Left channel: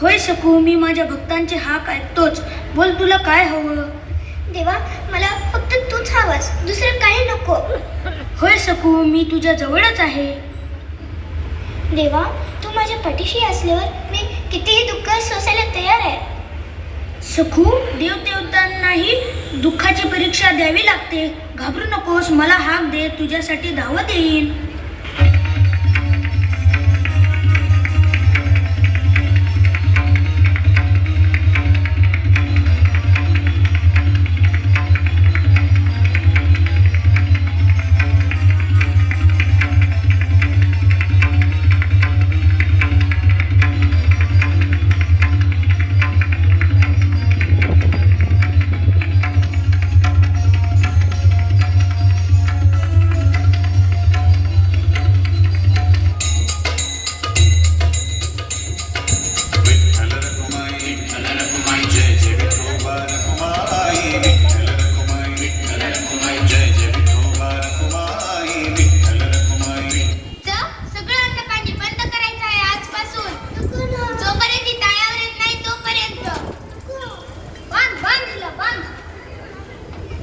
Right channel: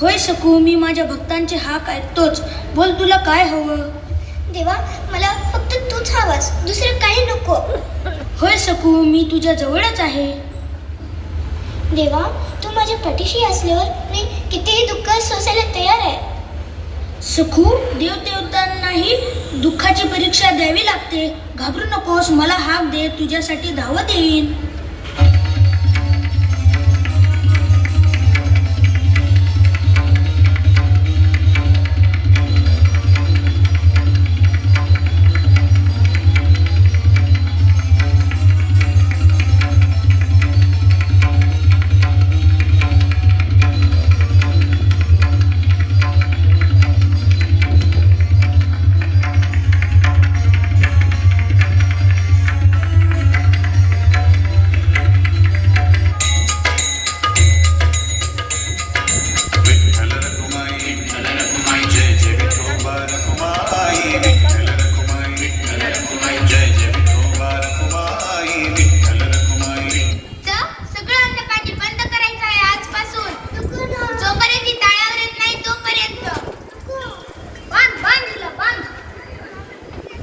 होय सकू, मी माझ्या भक्तांचे हाक ऐकतोच. बोल, तुला काय हवं? देवा, मला फक्त तूच हवास, दुसरं काही नको. होय सकू, मी तुझ्या जवळच आहे. देवा, तू माझ्या पाठीशी असल्यावर मी कितीही दुःख सोसायला तयार आहे. सखू, देवदेवतांनाही दुःखाची परीक्षा द्यावी लागते. घाबरू नकोस, मला हाक दे, तुझ्यासाठी धावत येईन.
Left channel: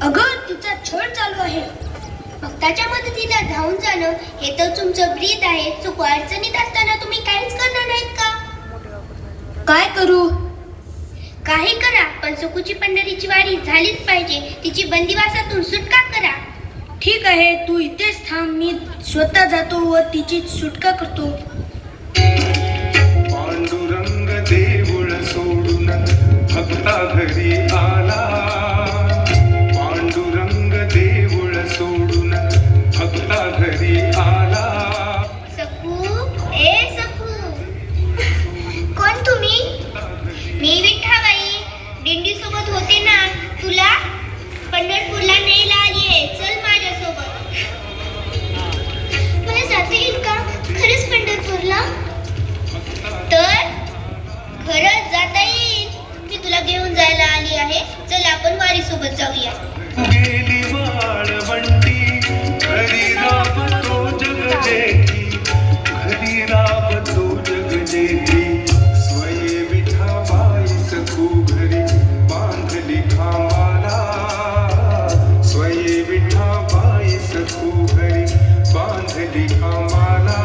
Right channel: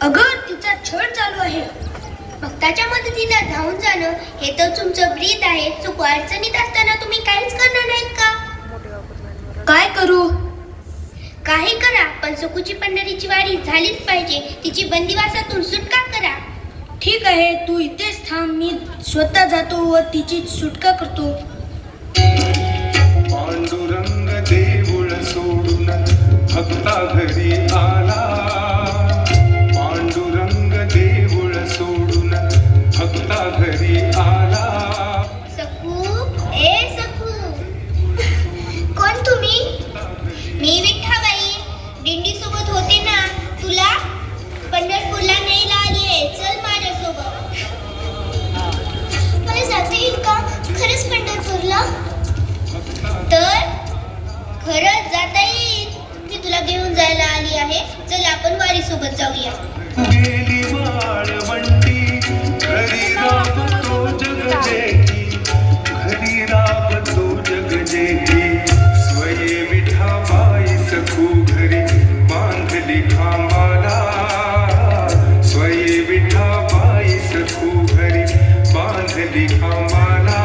अगं, तिचा छळ चालू आहे. भक्ताच्या मदतीला धावून जाणं हे तर तुमचं ब्रीद आहे. चूक अडचणीत असताना तुम्ही काहीच करणार नाहीत का? काय करू? काही करा, पण सखूची पंढरीची वारी झालीच पाहिजे. तिची बंदिवासातून सुटका करा. ठीक आहे, तू इथेच थांब, मी स्वतः जातो व तिची सुटका करतो. पांडुरंग देऊळ सोडून भक्ता घरी आला. पांडुरंग देऊळ सोडून भक्ता घरी आला. सखू, ए सखू, कोण तुम्ही? मी विठ्ठाबाई, दिंडी सोबत होते ना. तुला पंढरपूरला न्यायला आली आहे. चल माझ्यासोबत. मला जाता येईल का खरंच पंढरपूरला? तर खरंच जाता येईल. मी तुला घेऊन जायला आली आहे. चल, आपण वारी सोबत जाऊया. गेली वाळवंटी घरी राबतो जग जेठी. घरी राबतो जग जेठी. स्वये विठाबाई सखू घरी बांधली खामाला. स्वये विठाबाई सखू घरी बांधली खामाला.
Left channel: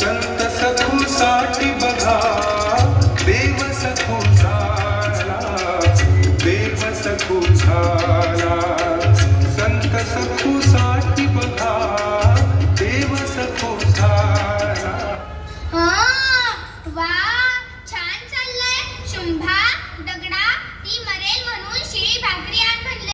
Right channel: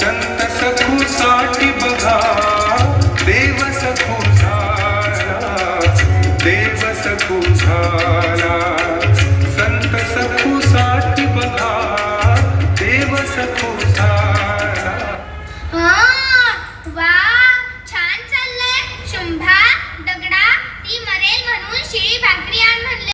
संत सखू साठी बघा देव सखू झाला. देव सखू झाला. संत सखू साठी बघा देव सखू झाला.